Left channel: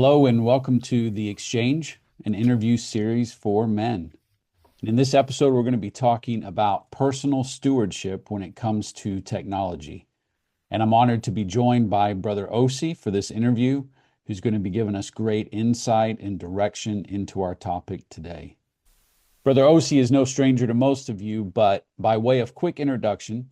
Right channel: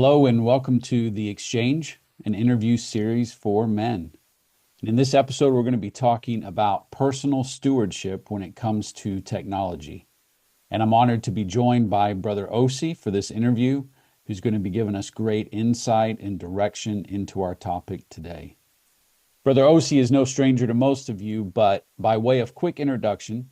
Hello and welcome to The Exchange, an interview series for men. And in this episode, we're going to be talking about personal stewardship when it comes to technology. And I'm honored to be joined by Brother Osi for this interview, who's going to be giving us great insight and direction into our topic today. Brother Osi is no stranger to most of you, but by way of quick introduction,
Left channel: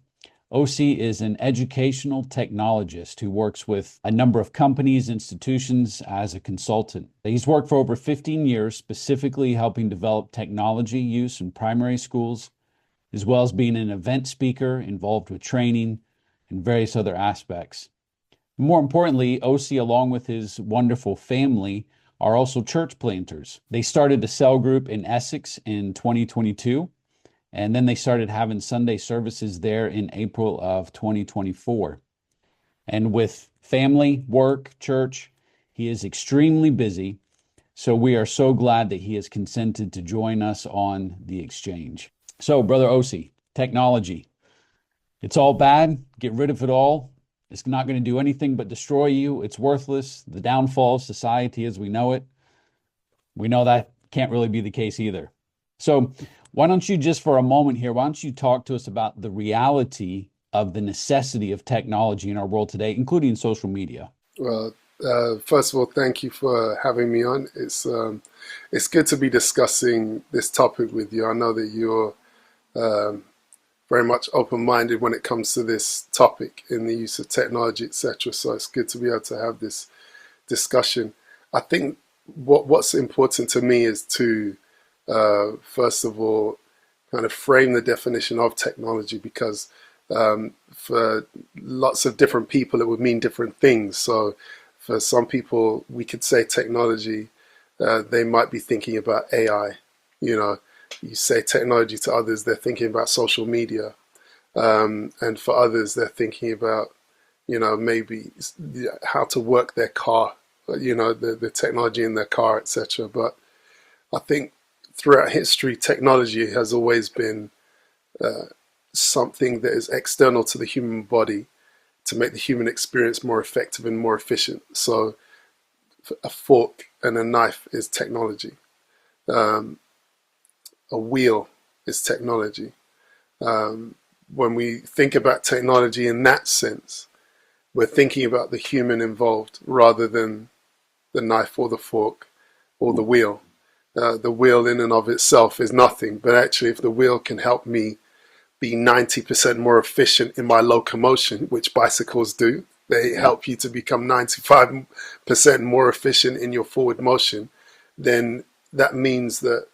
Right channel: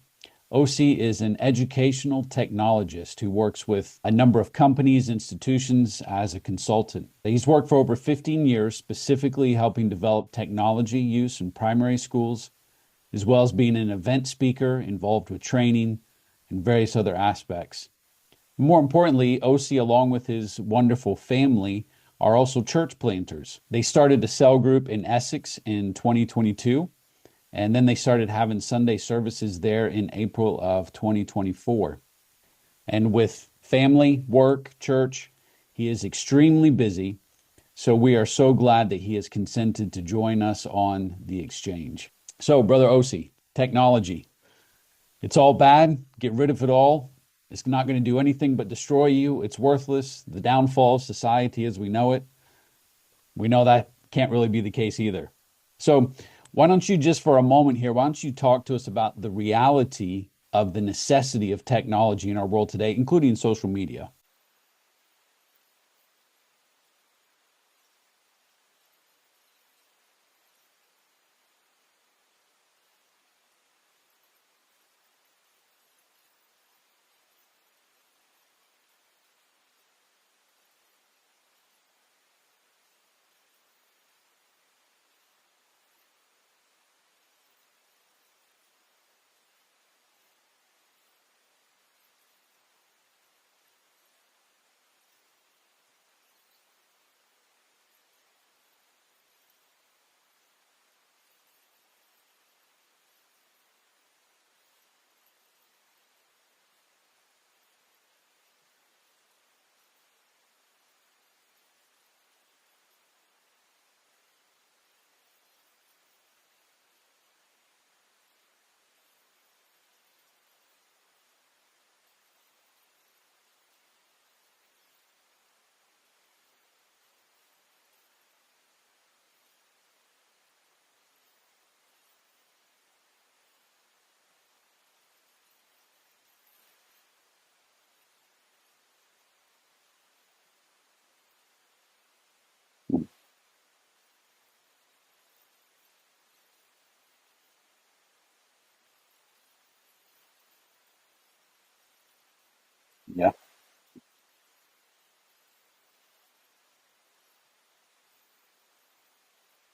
Osi is an educational technologist who works with a number of companies, institutions as a consultant. He's worked for over 15 years, specifically helping develop technology use in primary schools, as well as being an event speaker involved with training and various other aspects. More importantly, Osi, along with his wonderful family, are also church planters. They started a cell group in Essex in 2022. And then they started having Sunday services there in April of 2024. And with family, work, church, he is extremely busy. So we are so glad that he has consented to join us on the exchange. So, Brother Osi, technology. It's all bad. Get rid of it all. It's not going to do anything but destroy you. It's worthless. The downfall of society as we know it. We know that can't really be the case either. So, why don't you just for a moment here, why don't you talk to us about the reality of the necessity of technology in our world today, including social media? Well, first of all, thank you for having me on. It's good to be discussing this topic with you. I know that you're um, very much open-minded when it comes to this topic in the use of technology, etc. So it's good to be able to have this discussion. I think what's important to me is to first of all, kind of frame the definition of technology because for lots of different people, it would mean different things. So for some people, we could say technology, they might be thinking about AI. You know, you say technology to others, they're thinking about social media. And for others, they're thinking about, maybe how to work their car, the technology in their car, etc. But I think throughout history, technology has always been something that is external to the human body to make the human experience more effective and more efficient. So a fork and a knife is technology. Um, a wheel is technology. When we think about technology in that sense, we're thinking about the human involved rather than the knife or the fork or the wheel. The wheel in and of itself is nothing, but actually if the wheel can help me be 90% more efficient in my locomotion, which bicycles do, they Yeah. help you to become 95% more efficient in your forward motion, then that means that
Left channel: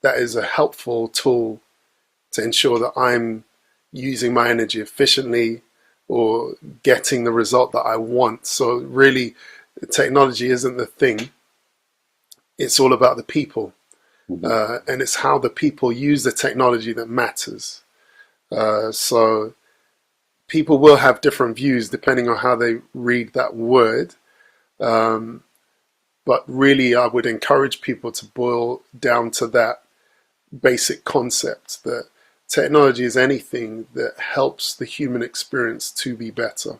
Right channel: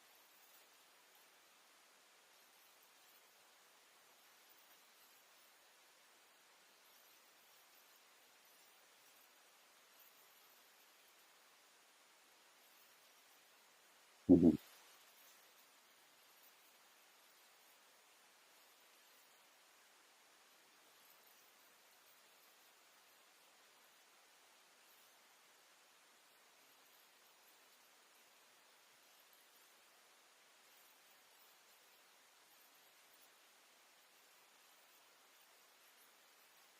that is a helpful tool to ensure that I'm using my energy efficiently or getting the result that I want. So really, technology isn't the thing. It's all about the people. Mhm. And it's how the people use the technology that matters. So people will have different views depending on how they read that word. Um, but really, I would encourage people to boil down to that basic concept that technology is anything that helps the human experience to be better.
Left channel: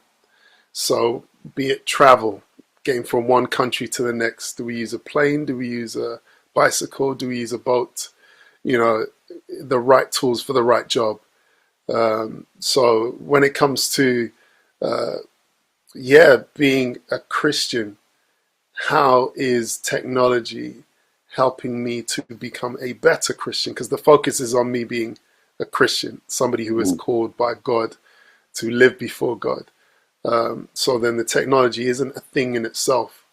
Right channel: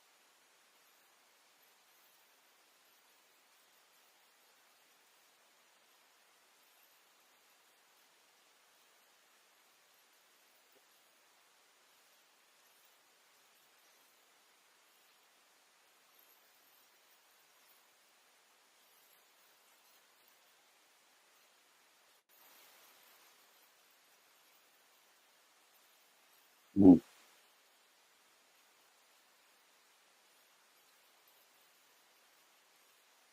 So, be it travel, getting from one country to the next, do we use a plane? Do we use a bicycle? Do we use a boat? You know, the right tools for the right job. So when it comes to, uh, being a Christian, how is technology helping me to become a better Christian? Because the focus is on me being a Christian, somebody who is Mm. called by God to live before God. So then the technology isn't a thing in itself,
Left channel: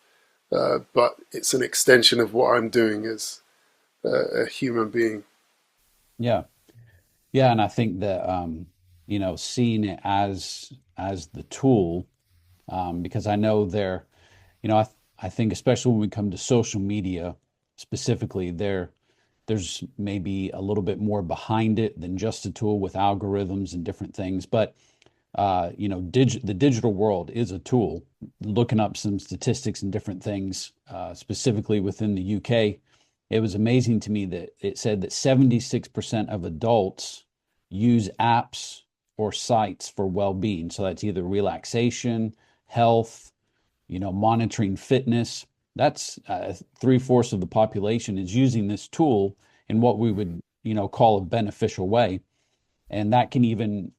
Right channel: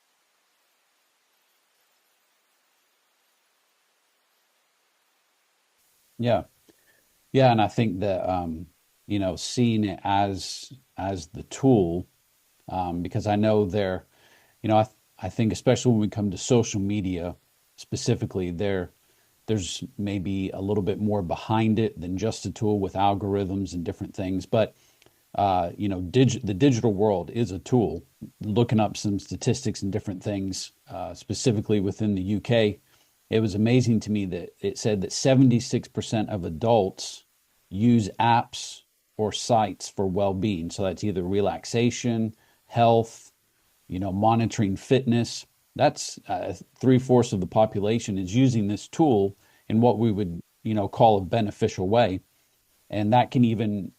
but it's an extension of what I'm doing as a human being. Yeah. Yeah. And I think that, seeing it as the tool, because I know I think especially when we come to social media specifically, there's maybe a little bit more behind it than just a tool with algorithms and different things. But the digital world is a tool. Looking up some statistics and different things, specifically within the UK, it was amazing to me that it said that 76% of adults use apps or sites for well-being. So that's either relaxation, health, monitoring fitness. That's three-fourths of the population is using this tool in what we would, call a beneficial way. And that can even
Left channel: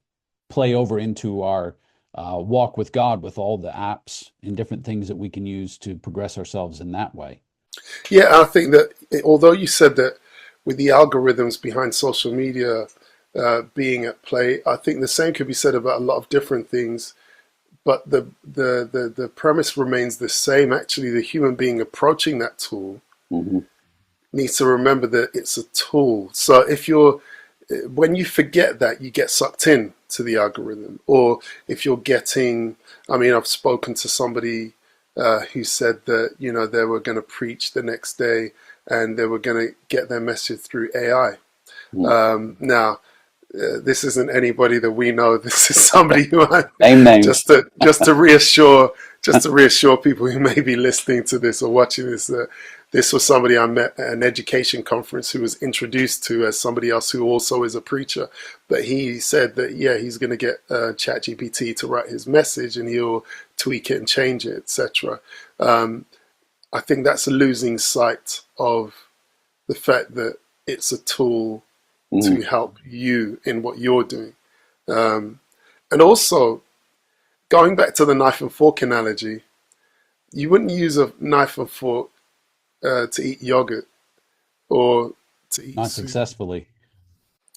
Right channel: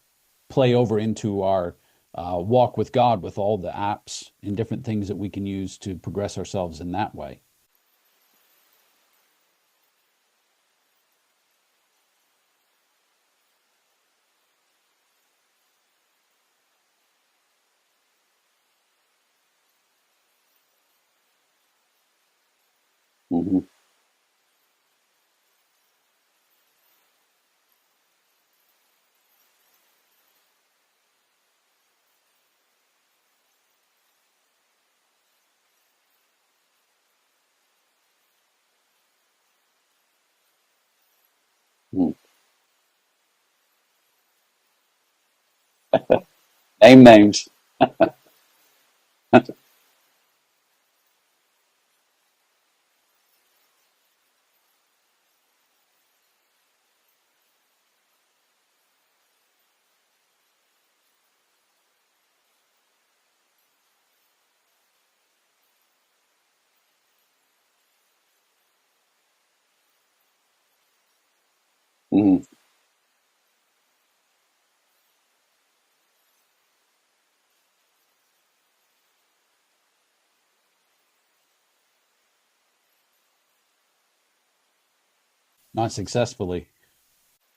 play over into our walk with God with all the apps and different things that we can use to progress ourselves in that way. Yeah, I think that although you said that with the algorithms behind social media being at play, I think the same could be said about a lot of different things. But the premise remains the same. Actually, the human being approaching that tool Hmm. needs to remember that it's a tool. So when you forget that, you get sucked in to the algorithm. Or if you're getting, I mean, I've spoken to somebody who said that, they were going to preach the next day and they were going to get their message through AI. Now, this isn't anybody that we know. This is somebody who I, Name names. just to reassure people who may be listening to this or watching this. This was somebody I met at an education conference who was introduced to as somebody else who also is a preacher. But he said that, yeah, he's going to get ChatGPT to write his message and he'll tweak it and change it, etc. I think that's a losing sight of the fact that it's a tool to Hmm. help you in what you're doing. And also, going back to the knife and fork analogy, you wouldn't use a knife and fork to eat yogurt or to eat Not soup. successfully.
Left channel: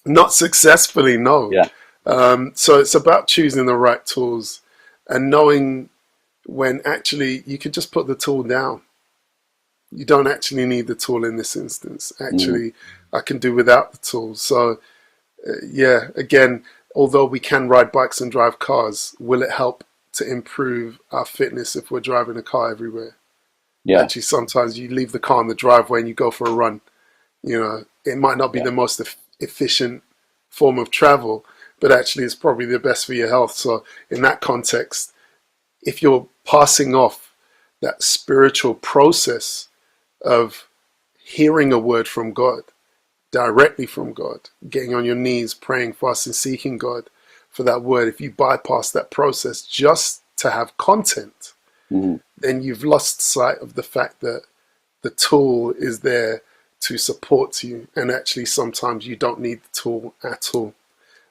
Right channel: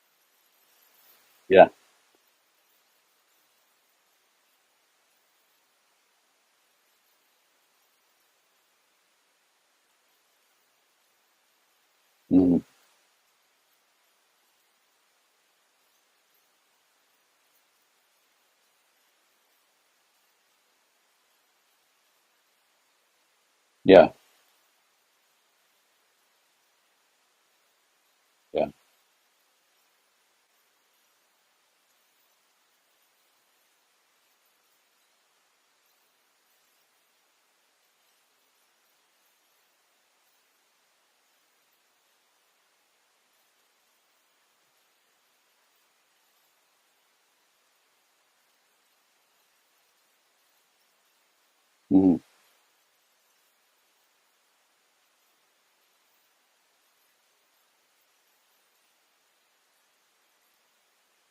Not successfully, no. Yeah. So it's about choosing the right tools and knowing when actually you could just put the tool down. You don't actually need the tool in this instance. Hmm. Actually, I can do without the tool. So, yeah, again, although we can ride bikes and drive cars, will it help to improve our fitness if we're driving a car everywhere? Yeah. Actually, sometimes you leave the car in the driveway and you go for a run. It might not be Yeah. the most efficient form of travel, but actually it's probably the best for your health. So in that context, if you're passing off that spiritual process of hearing a word from God, directly from God, getting on your knees, praying, fasting, seeking God for that word, if you bypass that process just to have content, Hmm. then you've lost sight of the fact that the tool is there to support you. And actually, sometimes you don't need the tool at all.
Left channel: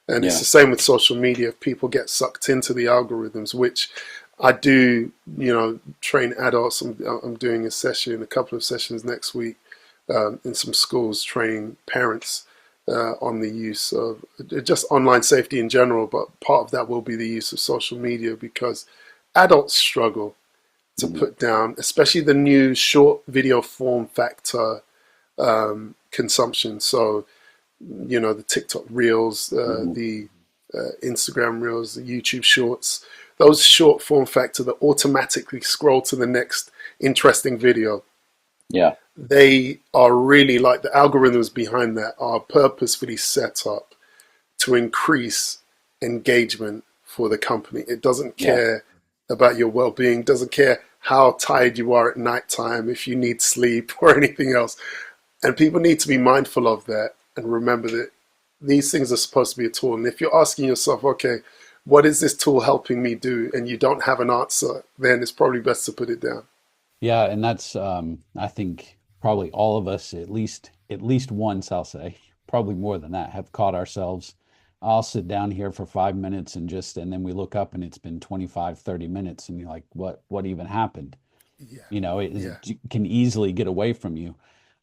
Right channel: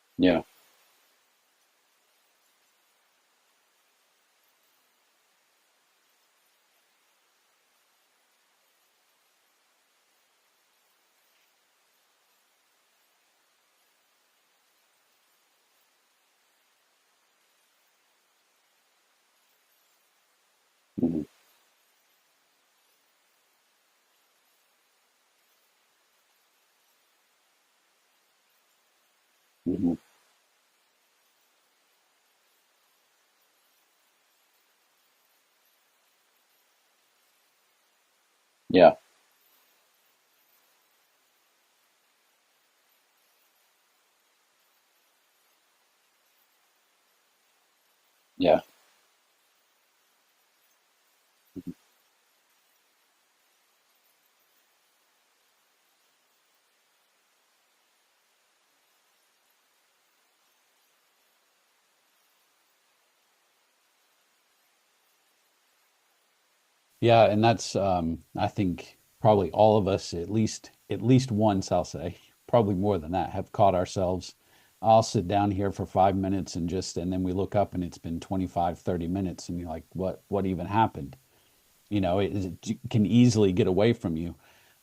And it's Yeah. the same with social media. If people get sucked into the algorithms, which I do, train adults. I'm doing a couple of sessions next week in some schools, training parents on the use of just online safety in general. But part of that will be the use of social media because adults struggle to Hmm. put down, especially the new short video form factor consumption. So, the TikTok reels, Hmm. the Instagram reels, the YouTube shorts, those short form factor that automatically scroll to the next interesting video. Yeah. They are really like the algorithms behind that are purposefully set up to increase engagement for the company. It doesn't Yeah. care about your well-being, doesn't care how tired you are at nighttime, if you need sleep or anything else. And people need to be mindful of that and remember that these things are supposed to be a tool. And if you're asking yourself, okay, what is this tool helping me do? And you don't have an answer, then it's probably best to put it down. Yeah, and that's I think probably all of us at least once, I'll say, probably more than that, have caught ourselves. I'll sit down here for 5 minutes and then we look up and it's been 25, 30 minutes and you're like, what even happened? Yeah, It yeah, can easily get away from you.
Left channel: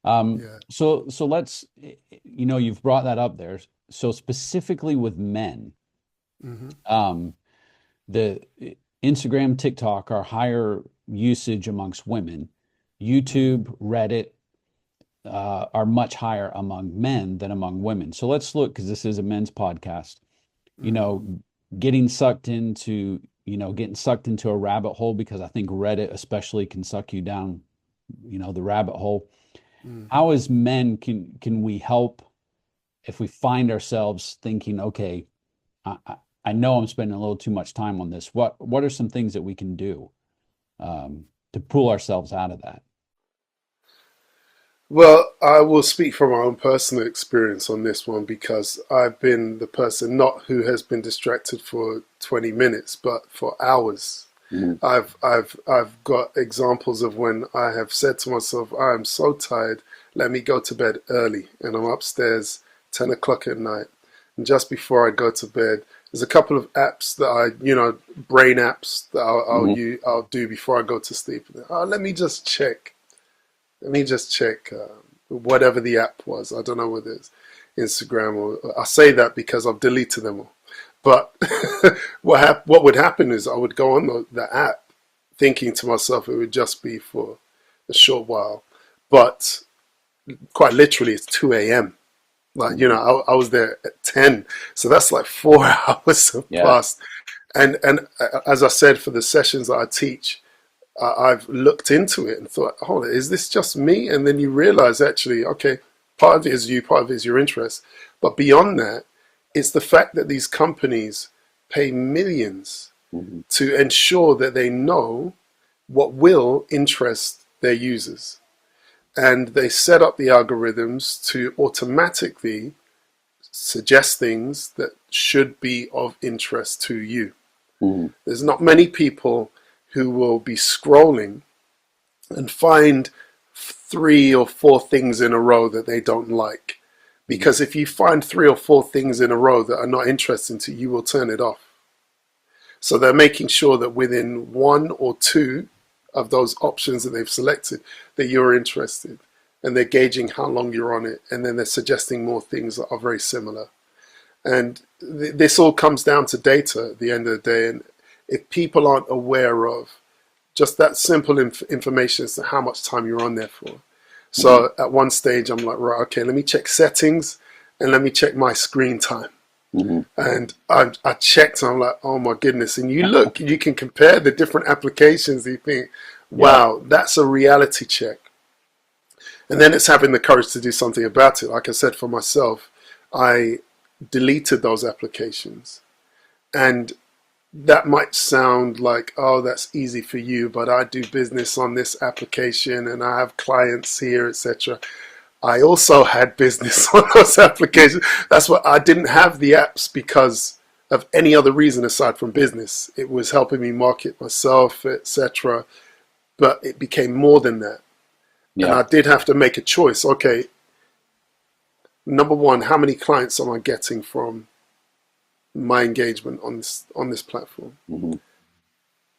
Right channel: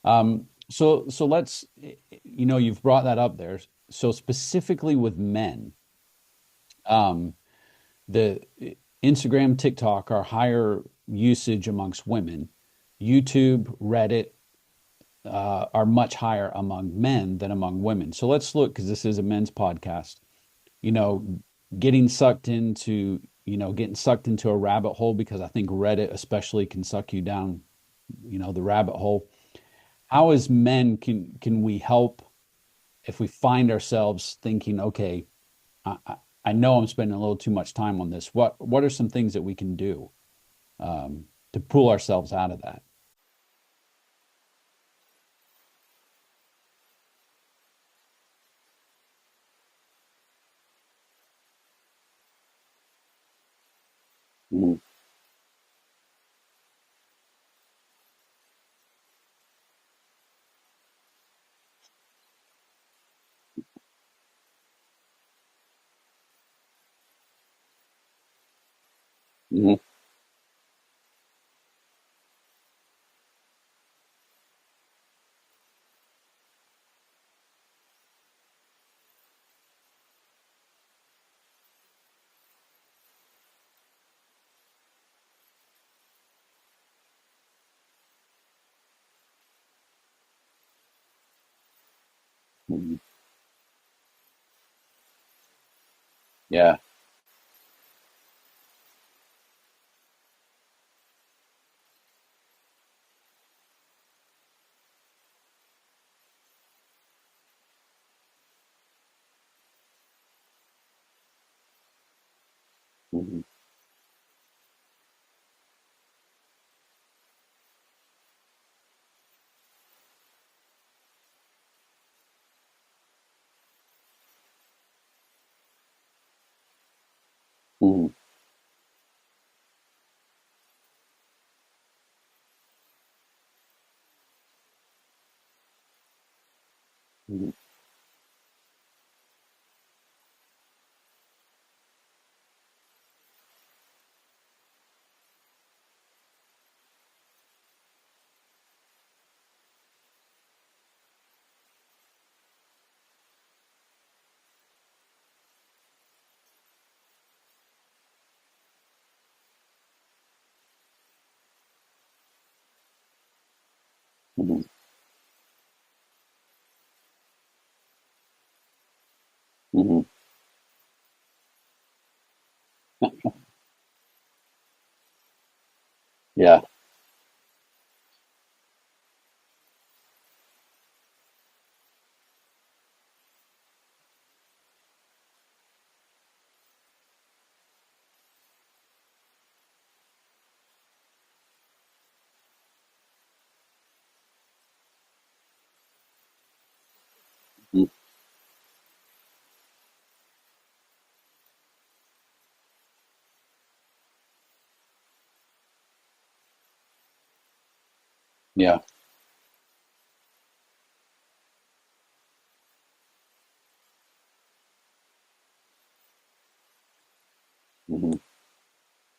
yeah. So let's, you've brought that up there. So specifically with men, Hmm. um, the Instagram, TikTok are higher usage amongst women. YouTube, Reddit are much higher among men than among women. So let's look, because this is a men's podcast. You Hmm. know, getting sucked into a rabbit hole, because I think Reddit especially can suck you down, the rabbit hole. Hmm. How as men can we help if we find ourselves thinking, okay, I, I I know I'm spending a little too much time on this. What are some things that we can do to pull ourselves out of that? Well, I will speak from my own personal experience on this one because I've been the person not who has been distracted for 20 minutes, but for hours. Mhm. I've got examples of when I have said to myself, I am so tired, let me go to bed early. And I'm upstairs 10 o'clock at night. And just before I go to bed, there's a couple of apps that brain apps that Mhm. I'll do before I go to sleep. Oh, let me just check. Let me just check whatever the app was. I don't know whether it's Instagram or I say that because I've deleted them all. But what would happen is I would go on the app thinking to myself it would just be for a short while. But quite literally, it's 2 a.m. Like, Mhm. I was there at 10. So that's like 4 hours have Yeah. passed. And as I said, for the sessions that I teach, I've looked into it and thought, oh, is this just me? And then you realize actually, okay, part of it is you, part of it is your interest. But beyond that, it's the fact that these companies pay millions Mhm. to ensure that they know what will interest their users. And they set up the algorithms to automatically suggest things that should be of interest to you. Mhm. There's not many people who will be scrolling and find 3 or 4 things in a row that they don't like. Mhm. Because if you find 3 or 4 things in a row that are not interesting to you, you will turn it off. So they're making sure that within 1 or 2 of those options that they've selected, that you're interested. And they're gauging how long you're on it. And then they're suggesting more things that are very similar. And this all comes down to data at the end of the day. And if people aren't aware of just that simple information as to how much time you're on there for. Mhm. So at one stage, I'm like, right, okay, let me check settings and let me check my screen time. Mhm. And I checked and I'm like, oh my goodness. And you look, you can compare the different applications. You think, Yeah. wow, that's a reality check. And then it's having the courage to do something about it. Like I said, for myself, I deleted those applications. And that might sound like, oh, that's easy for you, but I do business on this application and I have clients here, etc. I also had business on those Mhm. applications. That's what I didn't have the apps because of any other reason aside from business. It was helping me market myself, etc. But it became more than that. And Yeah. I did have to make a choice. Okay, number one, how many clients am I getting from my engagement on this platform? Mhm.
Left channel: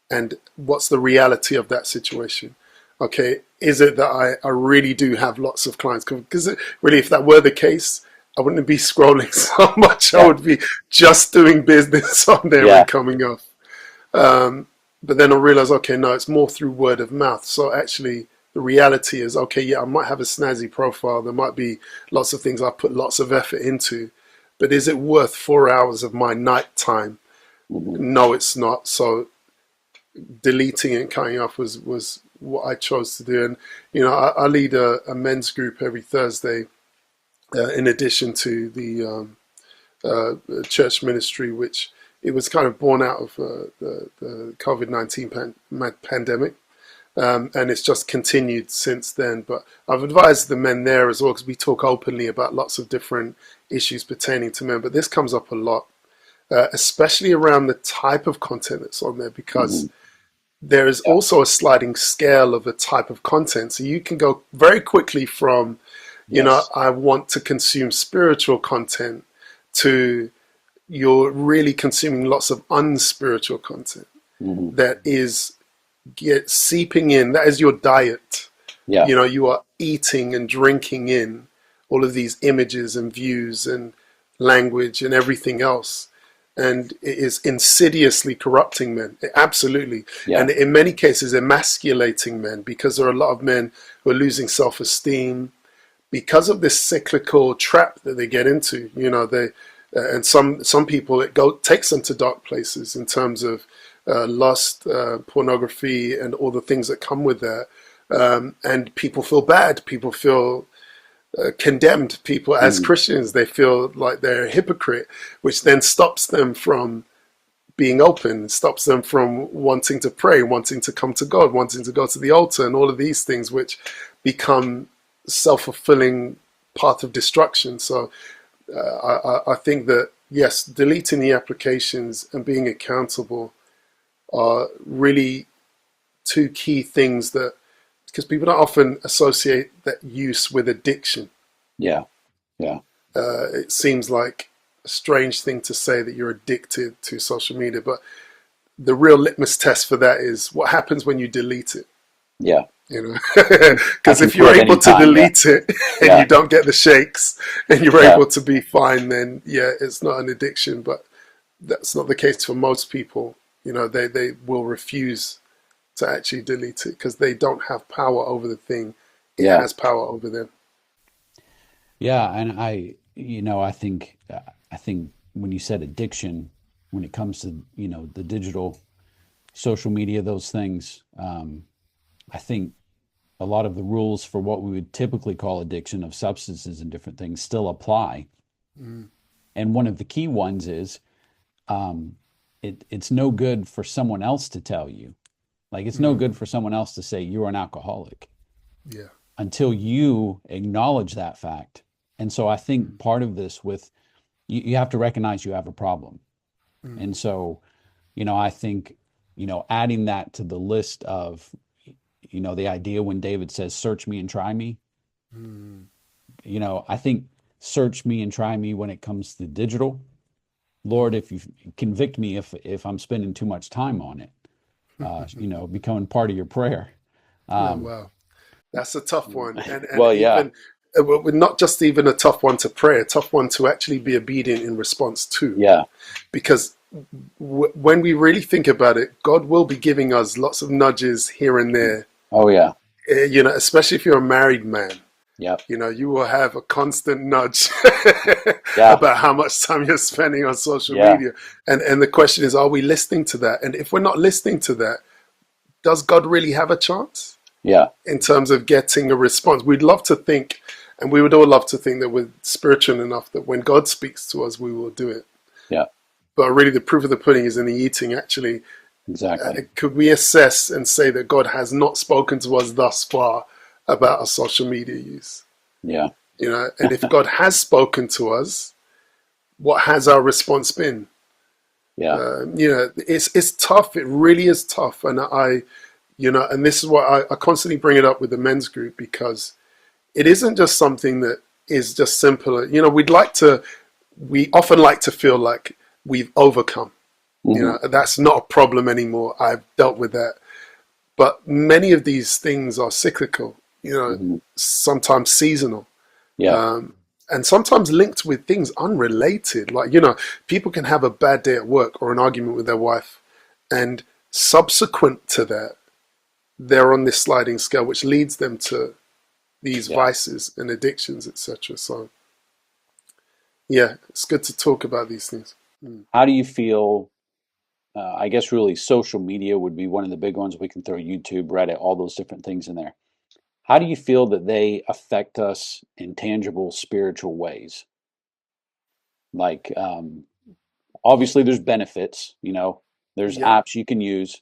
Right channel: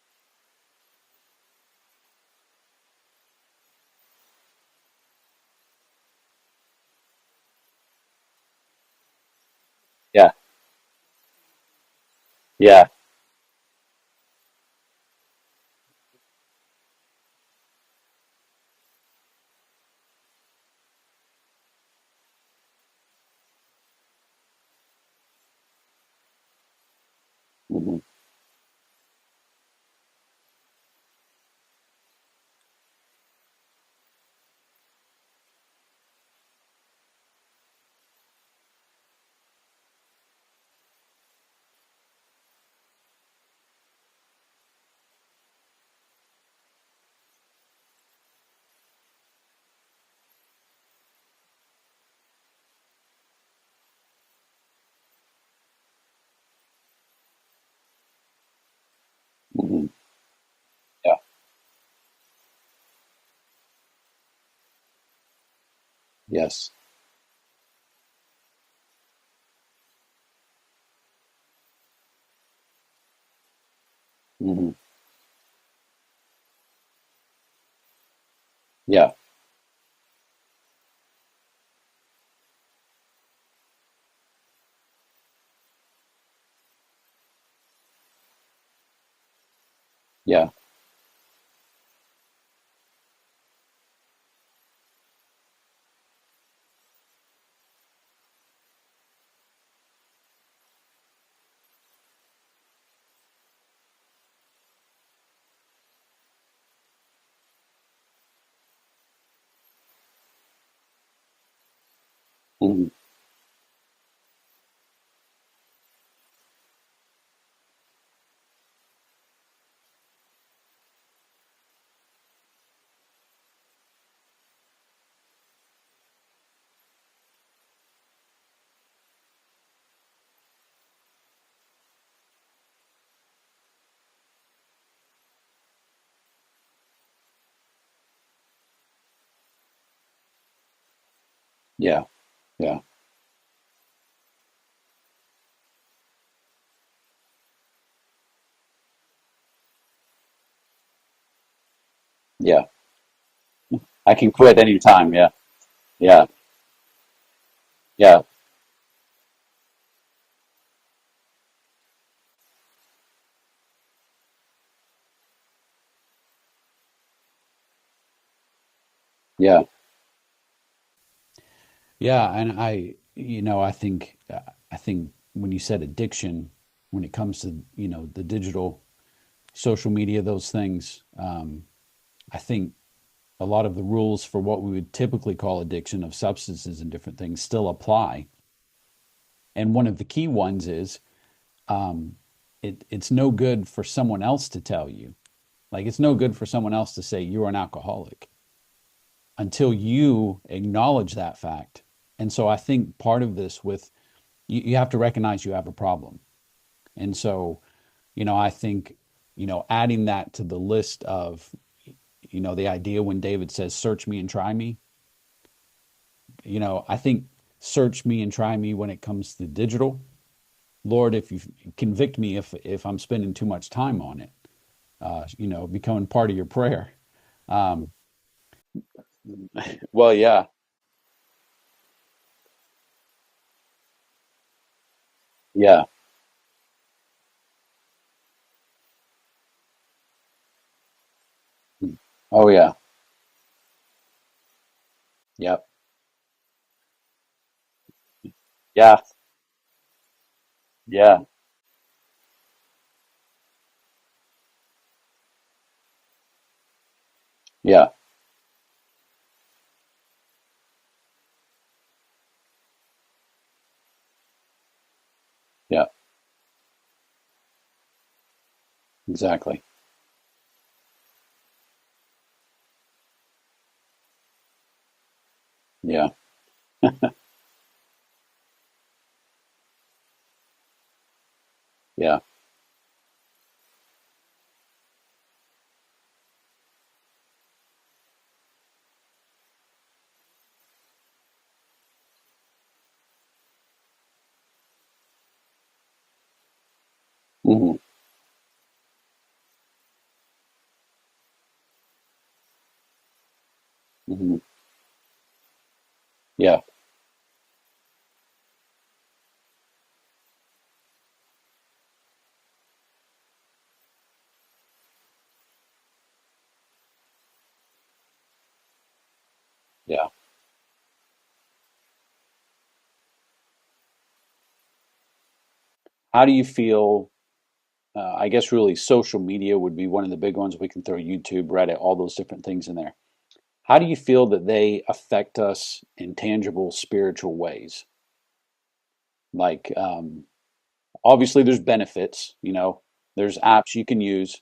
And what's the reality of that situation? Okay, is it that I really do have lots of clients? Because really, if that were the case, I wouldn't be scrolling so much. I Yeah. would be just doing business on there Yeah. and coming off. Um, but then I realized, okay, no, it's more through word of mouth. So actually, the reality is, okay, yeah, I might have a snazzy profile. There might be lots of things I put lots of effort into, but is it worth 4 hours of my night time? Mhm. No, it's not. So deleting and cutting off was what I chose to do. And I lead a men's group every Thursday, in addition to the church ministry, which it was kind of born out of the COVID-19 pandemic. And it's just continued since then. But I've advised the men there as well because we talk openly about lots of different issues pertaining to men. But this comes up a lot, especially around the type of content that's on there, because Mhm. there is Yeah. also a sliding scale of the type of content. So you can go very quickly from, Yes. I want to consume spiritual content to you're really consuming lots of unspiritual content Mhm. that is get seeping in. That is your diet. Yeah. You are eating and drinking in all of these images and views and language and everything else. And it is insidiously corrupting men. Absolutely. Yeah. And in many cases, emasculating men because there are a lot of men who are losing self esteem because of this cyclical trap that they get into. And some people takes them to dark places in terms of lust, pornography, and all the things that come with that. And people feel bad. People feel condemned. People, as Mhm. Christians, they feel like they're a hypocrite, which then stops them from being open, stops them from wanting to pray, wanting to come to God, wanting to go to the altar, and all of these things, which become self-fulfilling path of destruction. So I think that yes, deleting the applications and being accountable are really two key things that, because people don't often associate that use with addiction. Yeah. Yeah. It seems like a strange thing to say that you're addicted to social media, but the real litmus test for that is what happens when you delete it. Yeah. You know, I because can if you're quit able to anytime. Yeah. delete it and Yeah. you don't get the shakes and you're Yeah. able to be fine, then yeah, it's not an addiction. But that's not the case for most people. You know, they will refuse to actually delete it because they don't have power over the thing. It Yeah. has power over them. Yeah. And I think when you said addiction, when it comes to, the digital social media, those things, I think a lot of the rules for what we would typically call addiction of substances and different things still apply. Mm. And one of the key ones is it's no good for someone else to tell you. Like it's no good Mm. for someone else to say you're an alcoholic Yeah. until you acknowledge that fact. And so I think part of this with you have to recognize you have a problem. Mm. And so, I think, adding that to the list of, the idea when David says, search me and try me, Mm. I think search me and try me when it comes to digital. Lord, if you convict me if I'm spending too much time on it, becoming part of your prayer. Oh Um, wow. That's a tough one, and well, yeah, even not just even a tough one to pray, a tough one to actually be obedient in response to, yeah, because when we really think about it, God will be giving us lots of nudges here and there. oh yeah, You know, especially if you're a married man, yep, you know, you will have a constant nudge yeah, about how much time you're spending on social yeah, media, and the question is, are we listening to that? And if we're not listening to that, does God really have a chance yeah, in terms of getting a response? We'd love to think, and we would all love to think that we're spiritual enough that when God speaks to us, we will do it. yeah, But really, the proof of the pudding is in the eating. Actually, exactly, could we assess and say that God has not spoken to us thus far about our social media use? yeah, You know, and if God has spoken to us, what has our response been? yeah, You know, it's tough. It really is tough, and and this is why I constantly bring it up with the men's group, because it isn't just something that is just simple. You know, we often like to feel like we've overcome. You hmm, know, that's not a problem anymore. I've dealt with that. But many of these things are cyclical, you know, hmm, sometimes seasonal, yeah, um, and sometimes linked with things unrelated. Like, you know, people can have a bad day at work or an argument with their wife, and subsequent to that, they're on this sliding scale, which leads them to these yeah. vices and addictions, etc. So, yeah, it's good to talk about these things. Mm. How do you feel? I guess really social media would be one of the big ones. We can throw YouTube, Reddit, all those different things in there. How do you feel that they affect us in tangible spiritual ways? Like, obviously, there's benefits, there's Yeah, apps you can use.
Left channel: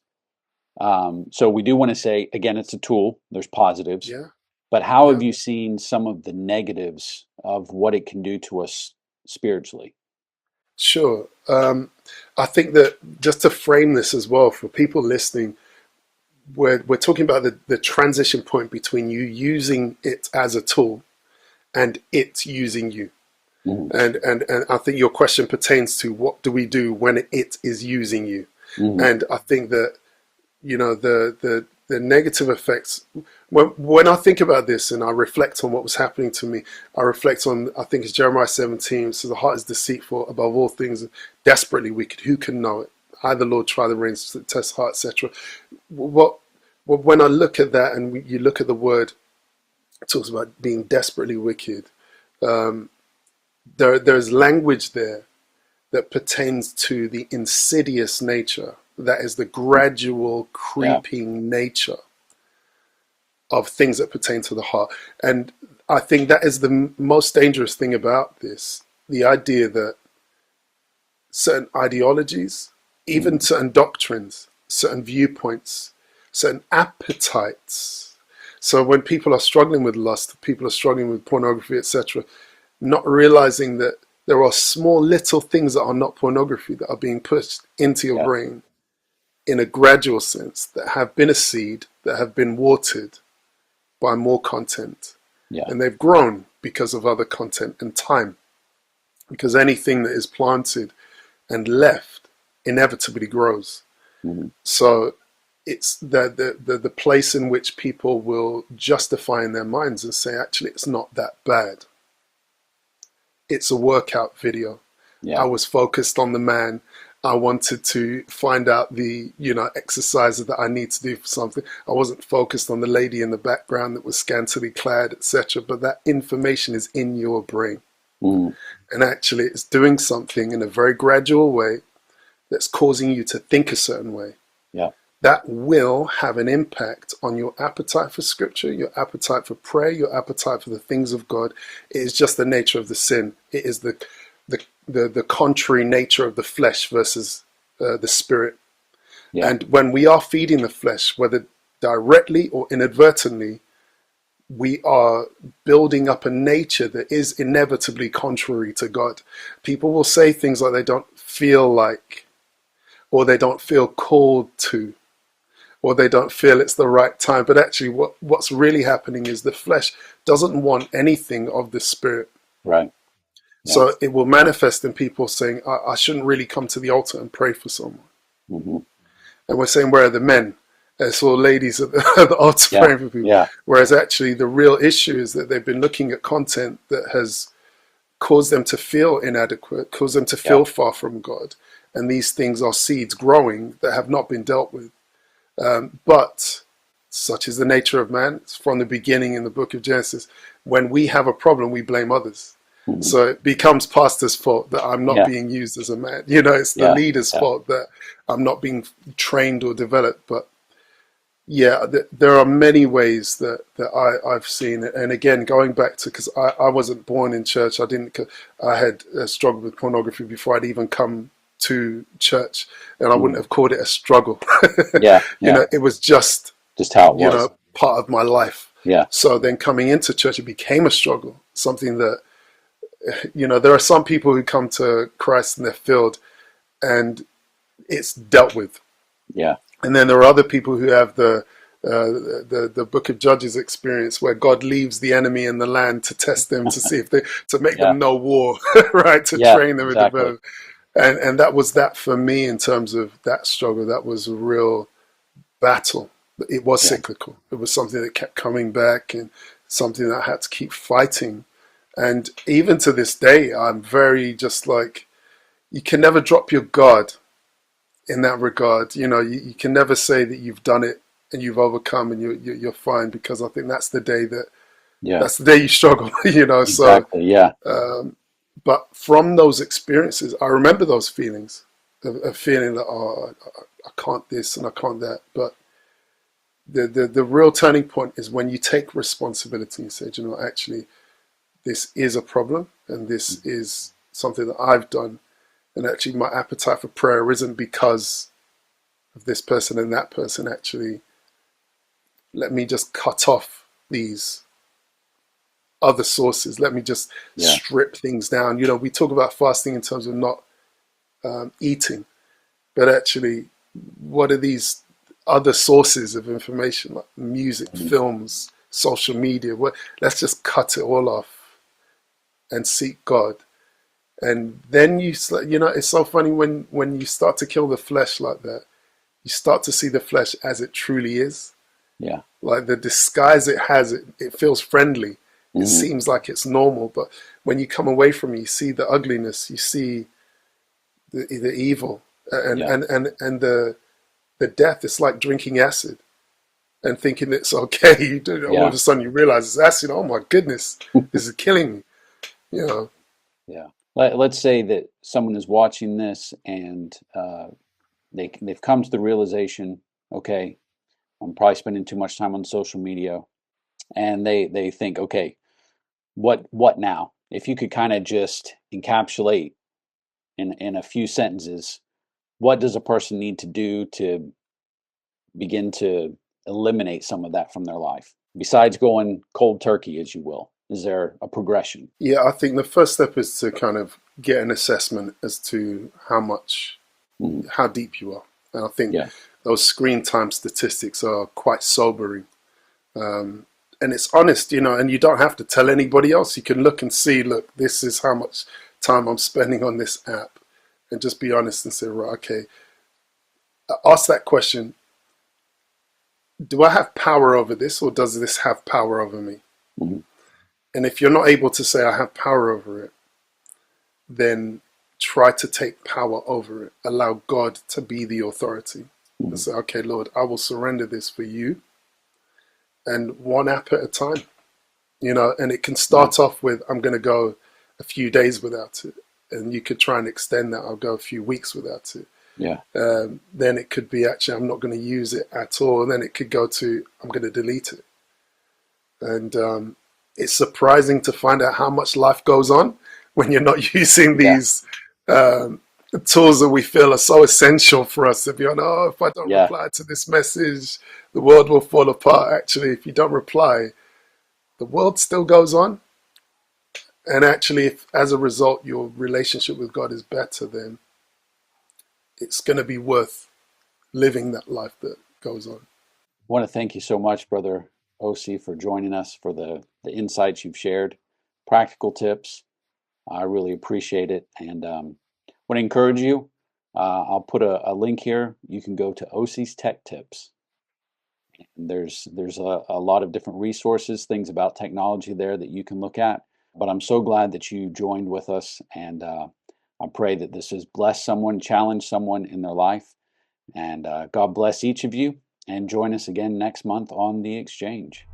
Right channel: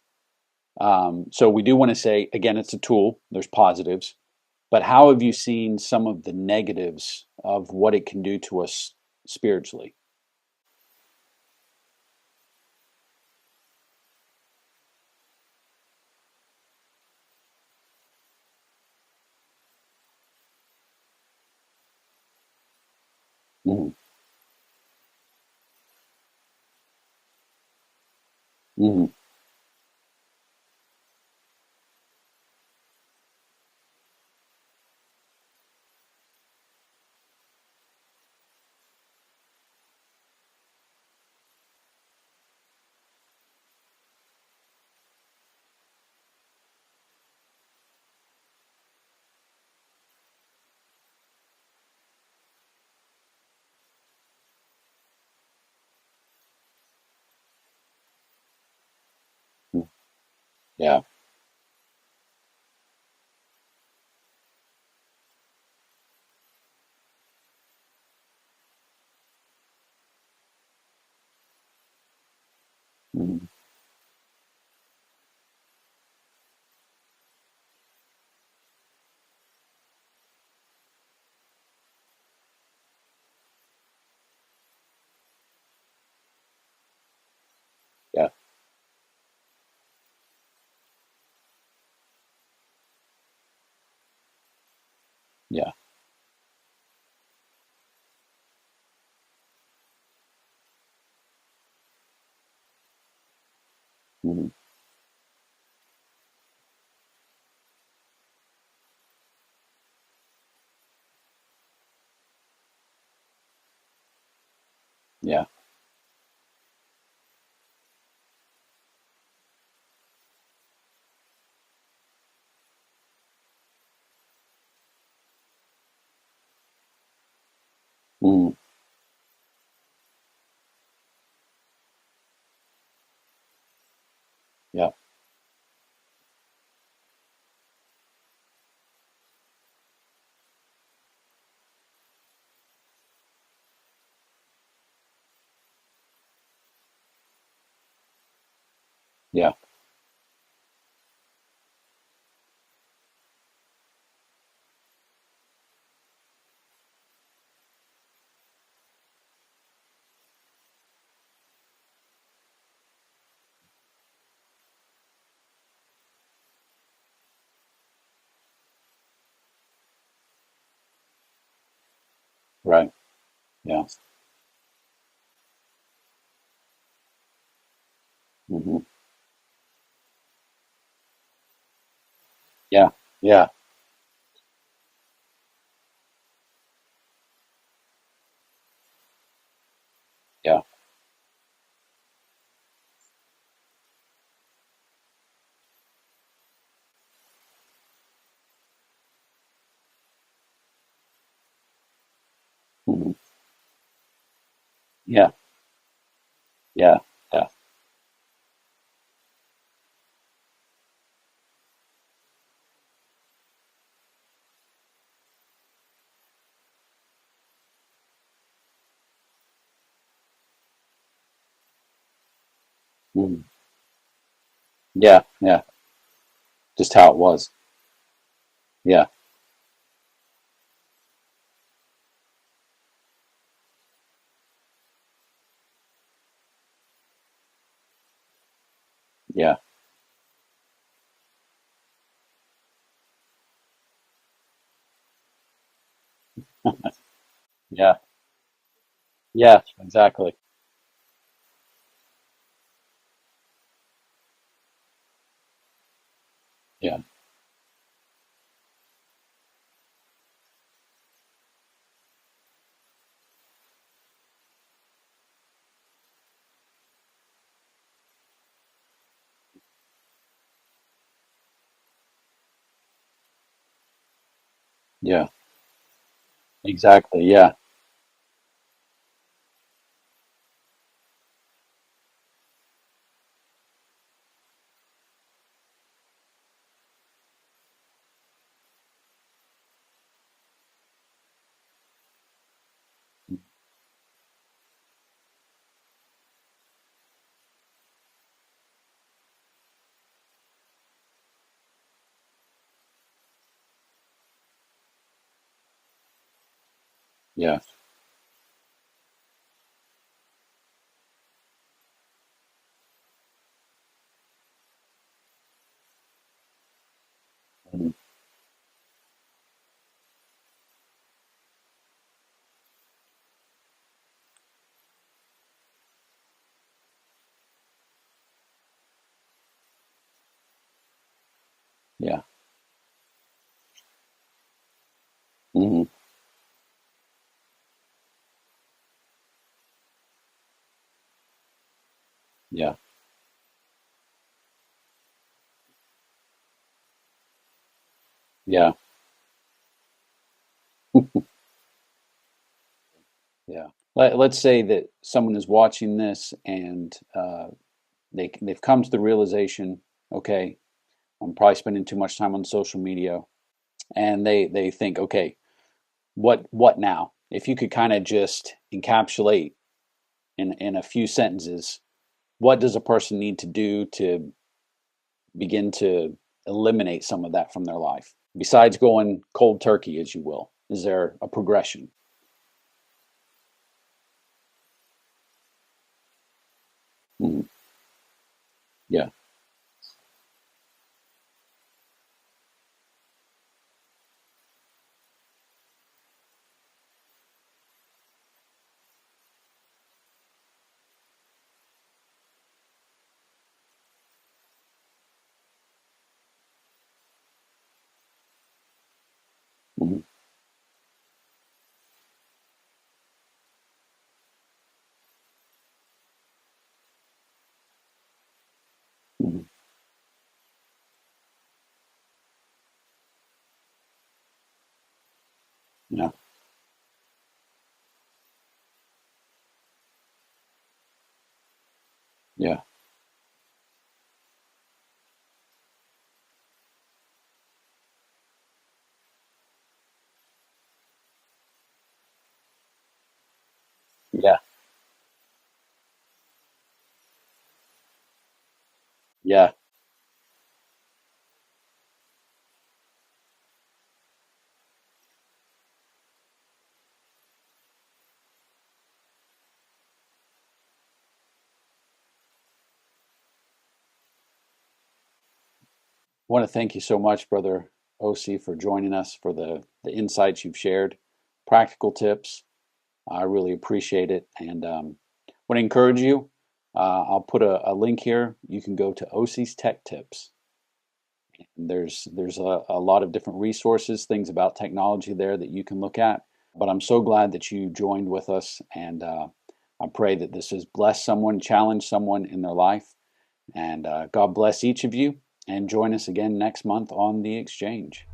So we do want to say, again, it's a tool, there's positives. yeah, But how yeah. have you seen some of the negatives of what it can do to us spiritually? Sure. I think that just to frame this as well for people listening, we're talking about the transition point between you using it as a tool and it using you. Hmm, And I think your question pertains to what do we do when it is using you? hmm, And I think that, you know, the negative effects, when I think about this and I reflect on what was happening to me, I reflect on, I think it's Jeremiah 17. So the heart is deceitful above all things, desperately wicked. Who can know it? I, the Lord, try the reins, test heart, etc. What, when I look at that and you look at the word, it talks about being desperately wicked. Um, there's language there that pertains to the insidious nature, that is the gradual yeah, creeping nature of things that pertain to the heart. And I think that is the most dangerous thing about this, the idea that certain ideologies, even hmm, certain doctrines, certain viewpoints, certain appetites. So when people are struggling with lust, people are struggling with pornography, etc., not realizing that there are small little things that are not pornography that are being pushed into your yeah, brain in a gradual sense, that have been a seed, that have been watered by more content. Yeah. And they've grown because of other content and time. Because anything that is planted and left inevitably grows. Mm-hmm. So it's the place in which people will justify in their minds and say, actually, it's not that bad. It's a workout video. Yeah. I was focused on the man. I wanted to find out the, exercises that I need to do for something. I wasn't focused on the lady in the background that was scantily clad, etc. But that information is in your brain. Mm-hmm. And actually, it's doing something in a very gradual way that's causing you to think a certain way. Yeah. That will have an impact on your appetite for scripture, your appetite for prayer, your appetite for the things of God. It is just the nature of the sin. It is the contrary nature of the flesh versus the spirit. Yeah. And when we are feeding the flesh, whether directly or inadvertently, we are building up a nature that is inevitably contrary to God. People will say things like they don't feel like, or they don't feel called to, or they don't feel it's the right time. But actually what's really happening is the flesh doesn't want anything of the spirit. Right. Yeah. So it will manifest in people saying, I shouldn't really come to the altar and pray for someone. Mm-hmm. And we're saying, where are the men? It's all ladies at the altar Yeah. praying for people. Yeah. Whereas actually the real issue is that they've been looking at content that has caused them to feel inadequate, caused them to feel far from God. And these things are seeds growing that have not been dealt with. But such is the nature of man. It's from the beginning in the book of Genesis. When we have a problem, we blame others. Mm-hmm. So it becomes pastor's fault that I'm not being used as a man. It's the leader's fault that I'm not being trained or developed. But there are many ways that I've seen it. And again, going back to, because I wasn't born in church. I had struggled with pornography before I'd even come to church, and I wouldn't have called it a struggle. It was just how it was, part of my life. Yeah. So then coming into church, it became a struggle, something that, there are some people who come to Christ and they're filled and it's dealt with. Yeah. And then there are other people who have the Book of Judges experience, where God leaves the enemy in the land to test them, to see if to make them know war, right? To train them, exactly. And that was that for me in terms of that struggle. That was a real battle. It was cyclical. It was something that kept coming back, and something that I had to keep fighting. And even to this day, I'm very just like, you can never drop your guard in that regard. You can never say that you've done it and you've overcome and you're fine, because I think that's the day that's the day you struggle. Exactly. But from those experiences, I remember those feelings of feeling that, I can't this and I can't that. But the real turning point is when you take responsibility and say, actually, this is a problem, and this is something that I've done. And actually, my appetite for prayer isn't because of this person and that person. Actually, let me just cut off these other sources. Let me just strip things down. We talk about fasting in terms of not eating, but actually, what are these other sources of information, like music, films, social media? Let's just cut it all off and seek God. And then it's so funny when you start to kill the flesh like that, you start to see the flesh as it truly is. Yeah. Like the disguise it has, it feels friendly. It seems like it's normal, but when you come away from it, you see the ugliness, you see the evil, and the death. It's like drinking acid and thinking it's okay. All of a sudden you realize it's acid. Oh my goodness, this is killing me. Yeah. Let's say that someone is watching this and they've come to the realization, okay, I'm probably spending too much time on social media, and they think, okay, what now? If you could kind of just encapsulate in a few sentences, what does a person need to do to begin to eliminate some of that from their life, besides going cold turkey, as you will? Is there a progression? Yeah, I think the first step is to kind of get an assessment as to how deep you are. And I think Yeah. those screen time statistics are quite sobering. And it's honest, and you don't have to tell anybody else. You can look and see, look, this is how much time I'm spending on this app, and just be honest and say, right, okay, ask that question. Do I have power over this, or does this have power over me? Mhm. And if you're not able to say I have power over it, then try to take power over it. Allow God to be the authority and Mhm. say, okay, Lord, I will surrender this for you, and one app at a time, and it can Yeah. start off with, I'm going to go a few days without it. And you could try and extend that. I'll go a few weeks without it. Yeah. Then it could be, actually, I'm not going to use it at all. And then it could go to, I'm going to delete it. And it's surprising to find out how much life goes on when you're not using Yeah. these um, tools that we feel are so essential for us to be on. Oh, if I don't Yeah. reply to this message, the world will fall apart. Actually, if you don't reply, the world still goes on. And actually, if as a result your relationship with God is better, then it's going to be worth living that life that goes on. I want to thank you so much, Brother Osi, for joining us, for the insights you've shared, practical tips. I really appreciate it. And want to encourage you. I'll put a link here. You can go to Osi's Tech Tips. And there's a lot of different resources, things about technology there that you can look at. But I'm so glad that you joined with us, and I pray that this has blessed someone, challenged someone in their life. And God bless each of you, and join us again next month on The Exchange.